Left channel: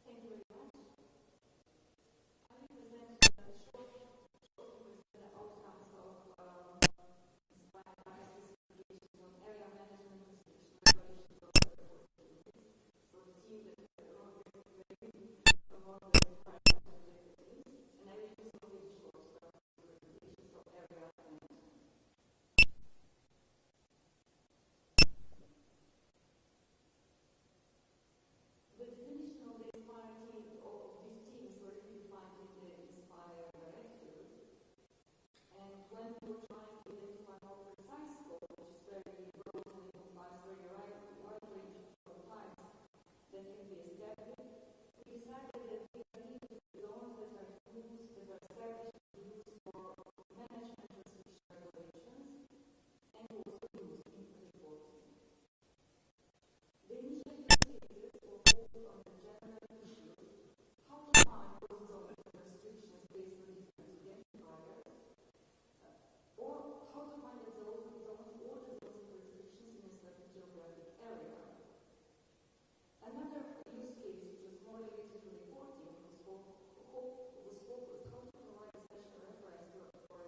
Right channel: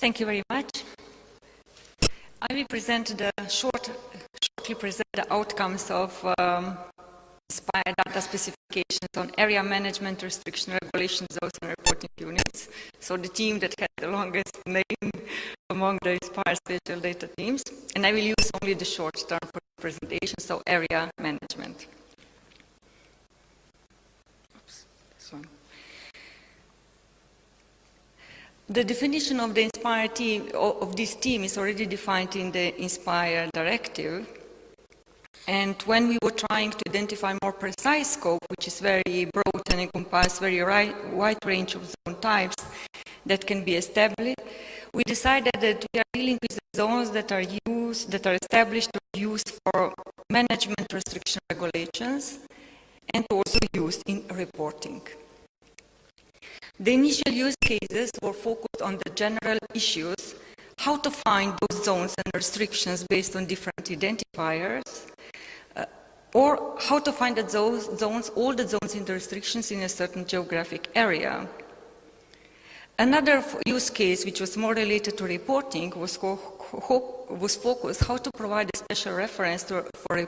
Thank you very much. I will shortly present the outcomes of INSPIRE data specifications on area management, restriction, regulation zones and reporting units. So the team that had the longest name among the INSPIRE spatial data teams. And I will use only the short term for the presentation, so area management. The definition of the INSPIRE team, of this team, is already defined in the INSPIRE directive. And when we were trying to identify more precise scope, which is very broad and encompasses very wide range of zone types that can be established, we decided that we are dealing with the zones that are established or used for management restriction regulations and also used in reporting. The initial use cases were focused on the general issues, how to find those zones and restrictions based on different identifiers, or how to find all the zones and the restrictions in a certain geographic area. Another use case, which was more related to reporting, was focused how to provide a special reference for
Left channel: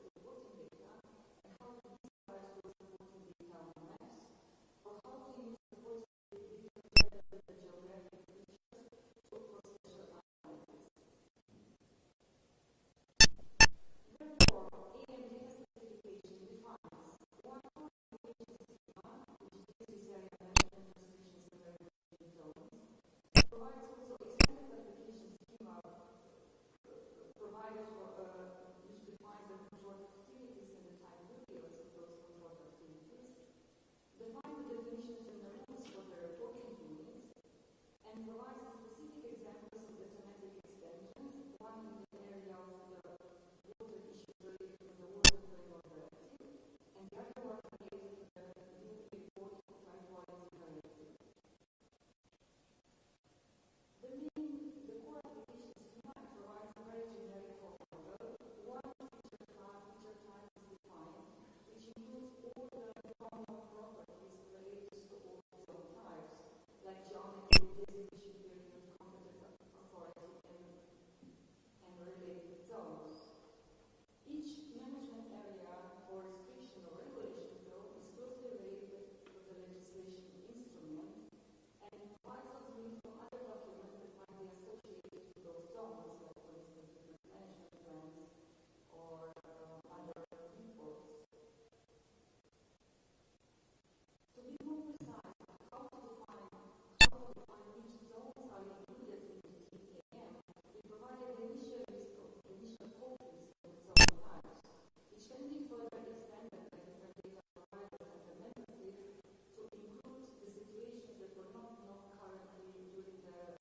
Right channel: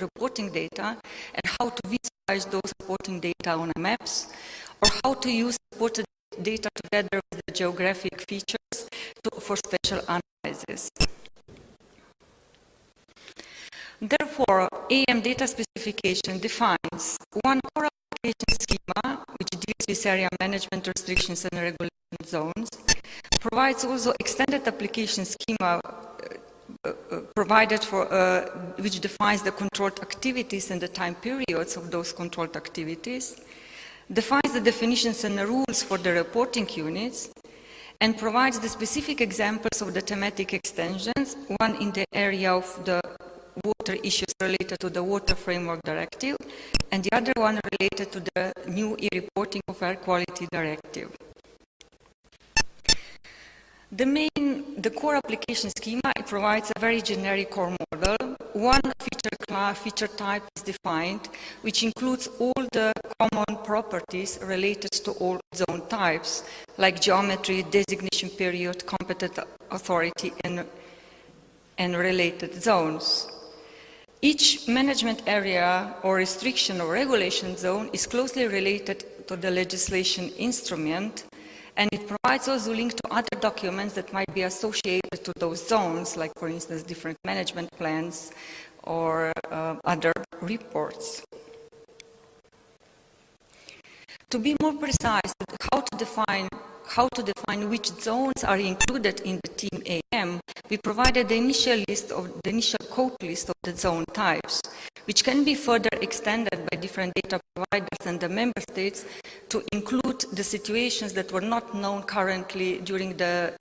reporting data and how to visualize those reporting data on maps, or how to use reported data together with the geographic features for spatial analysis. Therefore, AM data specification defines one core application schema, which deals with area management restrictions and regulation zones, provides also extended application schema provided for, which defines the controlled activities and the time periods of those controlled activities, defines the definitions and the rules for the reporting units, and provides the specific examples of the thematic extensions, one in the area of the water issues related to the Water Framework Directive, and the other one related to the new e-reporting of Air Quality Directive. The core application schema, it provides a very generic core model. One feature type is defined, which includes all the common properties related to all zone types, like geometry, designation period, competent authority, and related zones. Each management area or restriction or regulation zone is closely related to the legislation instrument, and it provides also a link to other documents that might be associated to those zones, like, for instance, different management plans or other reports. To be more precise, how to define which zones are included in the team AM, we provided the initial code list of the zone types, which can be further extended by different data providers and the member states to include the situations that were not known currently during the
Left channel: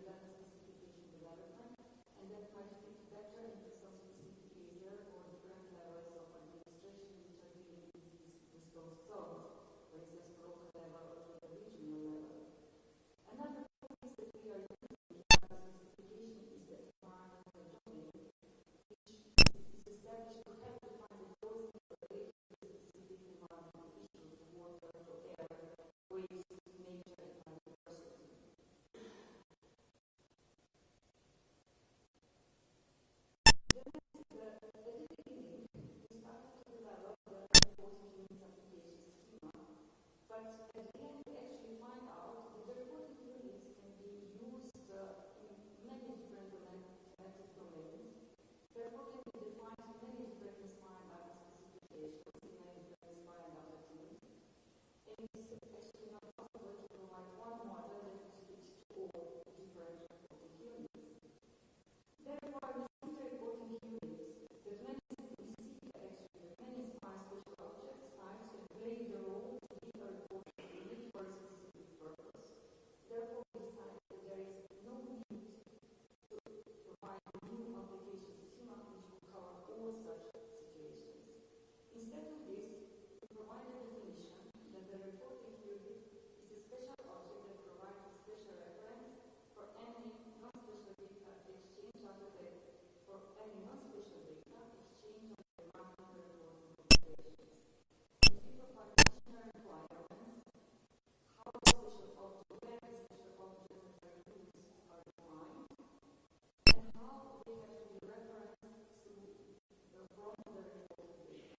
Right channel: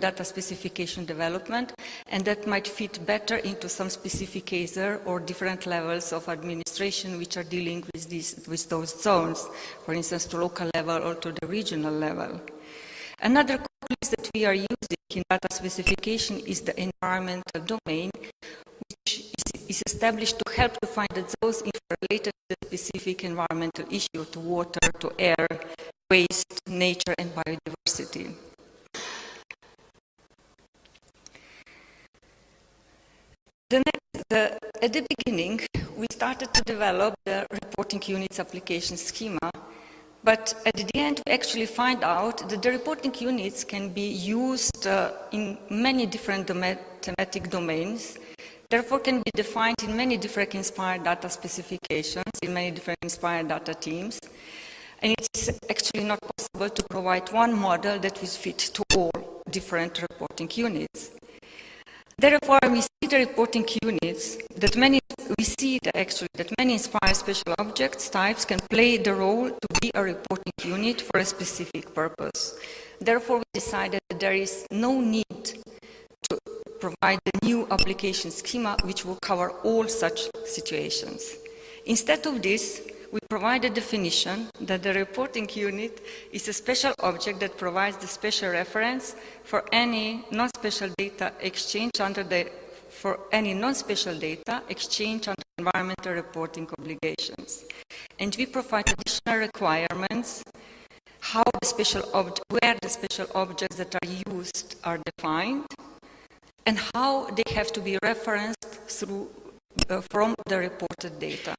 data specification development, and that might fit better into some specific cases or different levels of administration which are dealing with those zones, for instance, to local level or to the regional level. Another code list that we are using in data specification is the environmental domain, which is established to help to find the zones related to the specific environmental issue, to water, to air, waste, nature, and biodiversity. At the beginning, we started to develop the reporting units application schema, but at the end, we actually find out that the reporting units can be used in many different thematic domains, therefore can be defined in many different INSPIRE data specifications, in many different INSPIRE data teams, and it's actually not possible to provide one model that will fit to all different reporting units. Therefore, we see the reporting units that many INSPIRE special objects types can play the role to be a reporting unit for a specific purpose. Therefore, we decided that there is no need to provide the new application schema which will cover all such situations. Instead of this, we provide a definition that the reporting unit is a special object that provides the special reference for any non-special data exchange under environmental reporting obligations. And we provide additional requirements where the special objects that are used are defined, and how they have to be referenced from the reported data.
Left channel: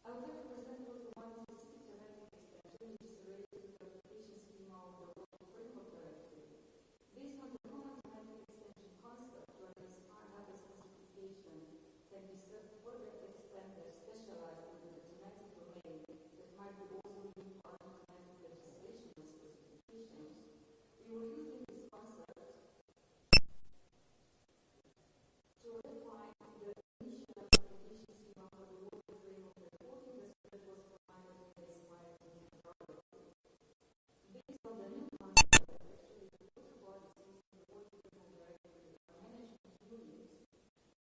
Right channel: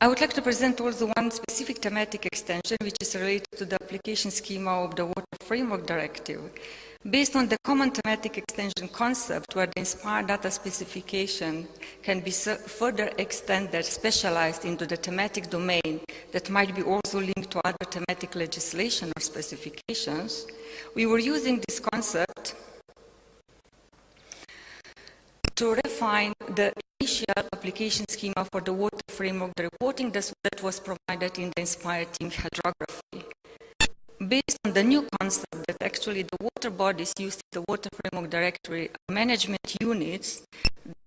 I would like to present also one specific thematic extension which is related to the application schema of the Water Framework Directive. Based on the common thematic extension concept, where the INSPIRE data specification can be further extended, specialized into the thematic domain that might be also linked to other thematic legislation or specifications, we were using this concept to refine the initial application schema for the water framework, the reporting that was provided in the INSPIRE team hydrography. Based on the new concept that actually the water bodies used in the Water Framework Directory are management units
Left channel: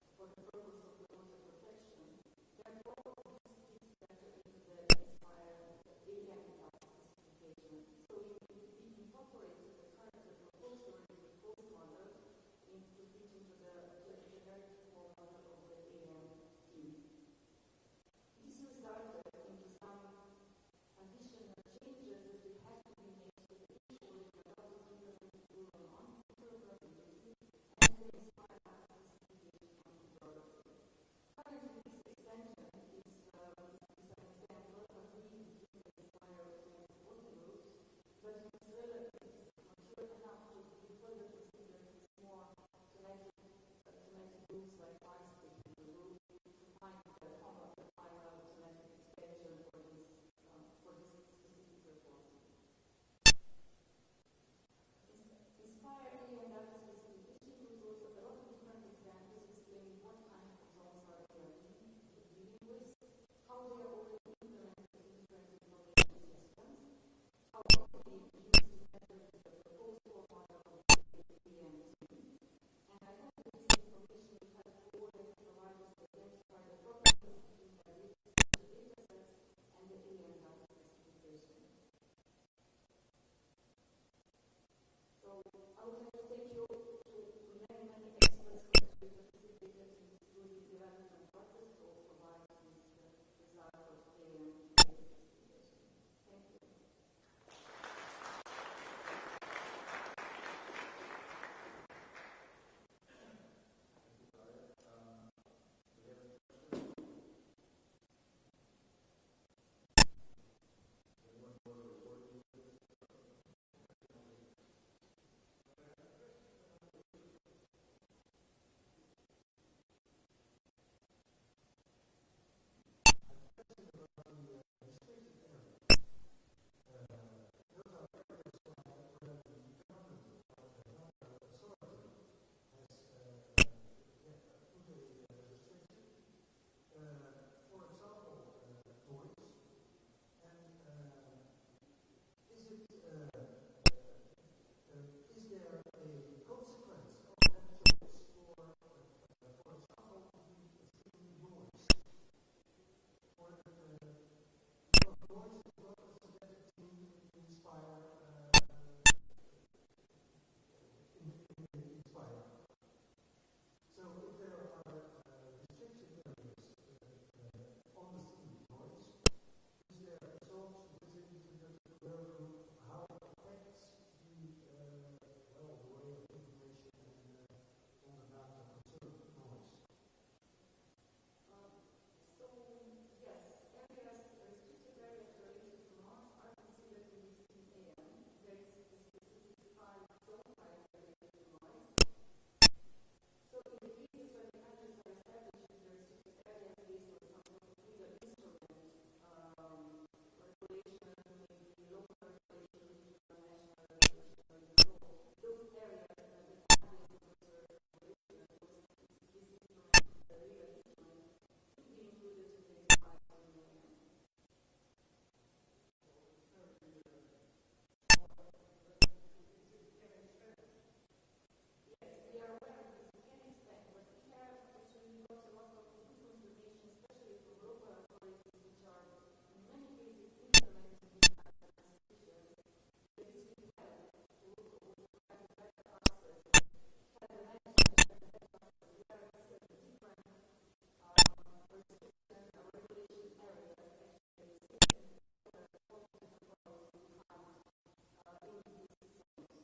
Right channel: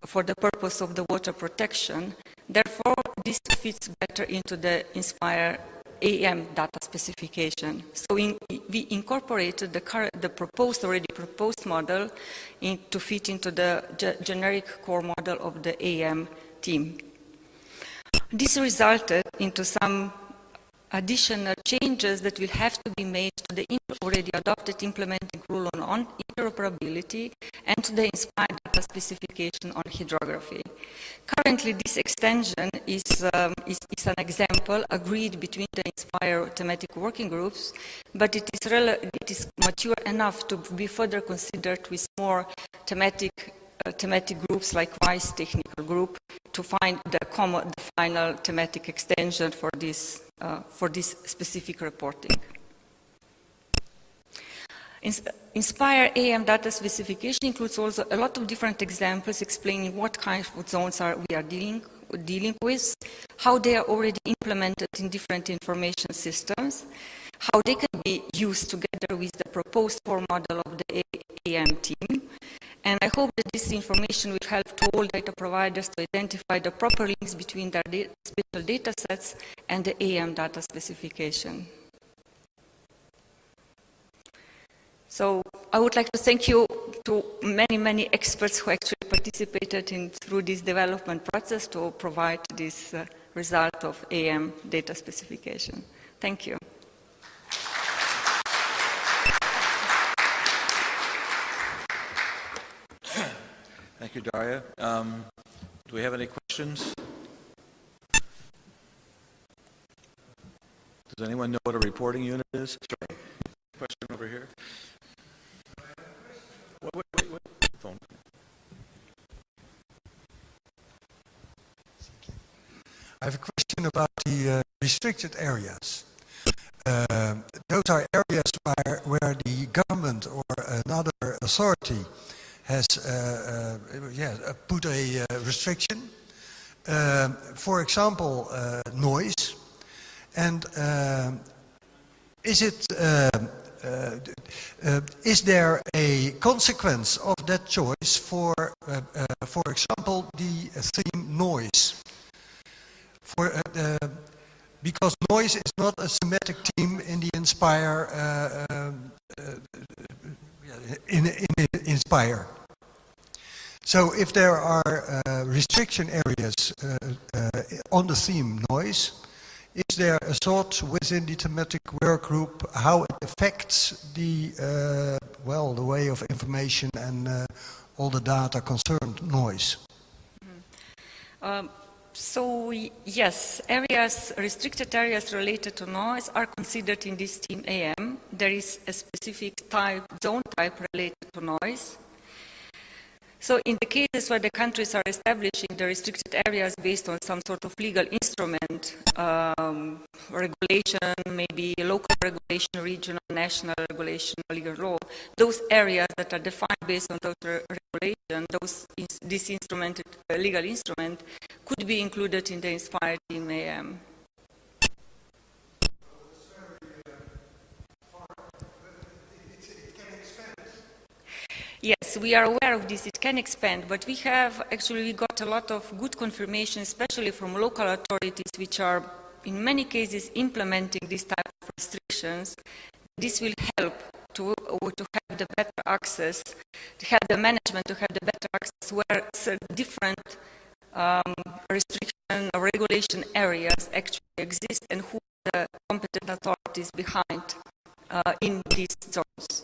for the purpose of the water protection, therefore this fits better into the INSPIRE AM data specification. So we incorporated the already proposed model to fit into the generic core model of the AM team. This resulted into some additional changes that will have to be made to the already adopted implementing rule on interoperability and to the INSPIRE data specification on hydrography. Currently, this extension is an example agreed between the INSPIRE thematic working groups, but it is mature enough to be further considered with more thematic groups like WISE technical group to find the final thematic extension for this specific reporting. INSPIRE AM data specification includes also a lot of different examples explaining what kind of zones we are dealing with, how they are already implemented in different information systems, how they can be used together with the proposed core model of the AM team. And I hope that this information will help to all data providers to identify the proper links between their special data sets and the AM data specification. So I would like to thank you to many experts who actually participated through this development process to provide this result of AM data specification. Thank you. Thank you, Darja. Do we have any questions? Does anyone know what a reporting unit is? Sure. Question over here. Wait. Phone. I have a question about the restricted areas. Those are areas where the government or another authority has put a restriction. For example, noise. And is there a consequence of that choice for example, the theme noise? Because noise is not a thematic theme in the INSPIRE INSPIRE. So if there are restriction areas on the theme noise, is there a thought within the thematic work group how it affects the way of information and all the data concerned noise? So yes, restricted areas related to noise are considered in this team AM. There is a specific zone type related to noise. So in the cases where the countries are establishing the restricted areas based on some sort of legal instrument, regulation, maybe local regulation, regional, national regulation, legal law, those areas that are defined based on those regulation, this instrument, legal instrument, could be included in the INSPIRE team AM. Yes, we are aware of this. It can expand, but we got a lot of good confirmation, especially from local authorities, which are in many cases implementing this type of restrictions. This will help to have the better access, to have the management, to have the better access where different restriction or regulation areas actually exist and who are the competent authorities behind in these zones.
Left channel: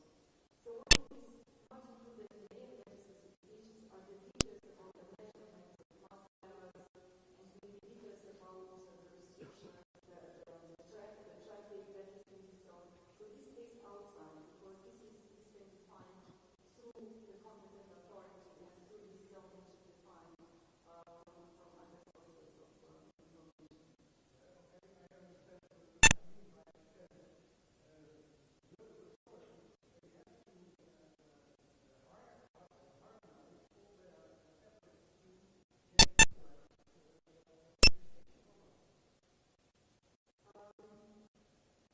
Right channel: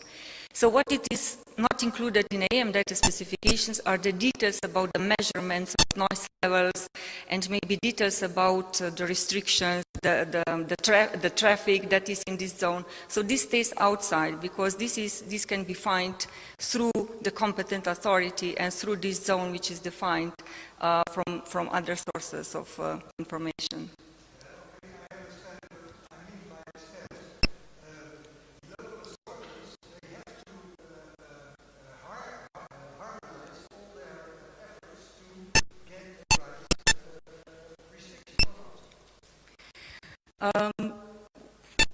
So what it is not included in AM data specifications are the details about the measurements of noise levels and maybe details about the restrictions, the traffic that is in this zone. So this stays outside because this can be defined through the competent authority and through this zone which is defined from other sources of information.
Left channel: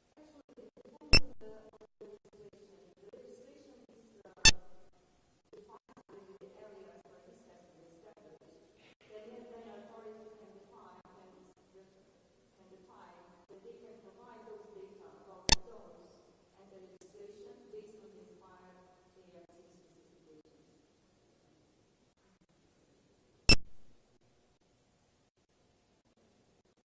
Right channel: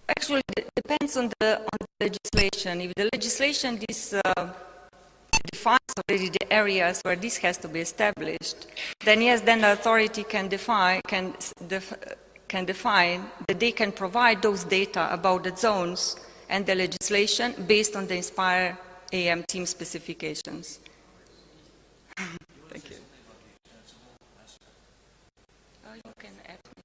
Actually, it depends on the legislation. If the legislation defines already the areas where this has to be established, then yes, then the authority can define that they can provide those data about the zones and the legislation based on the INSPIRE AM team specifications. Thank you. You can add me.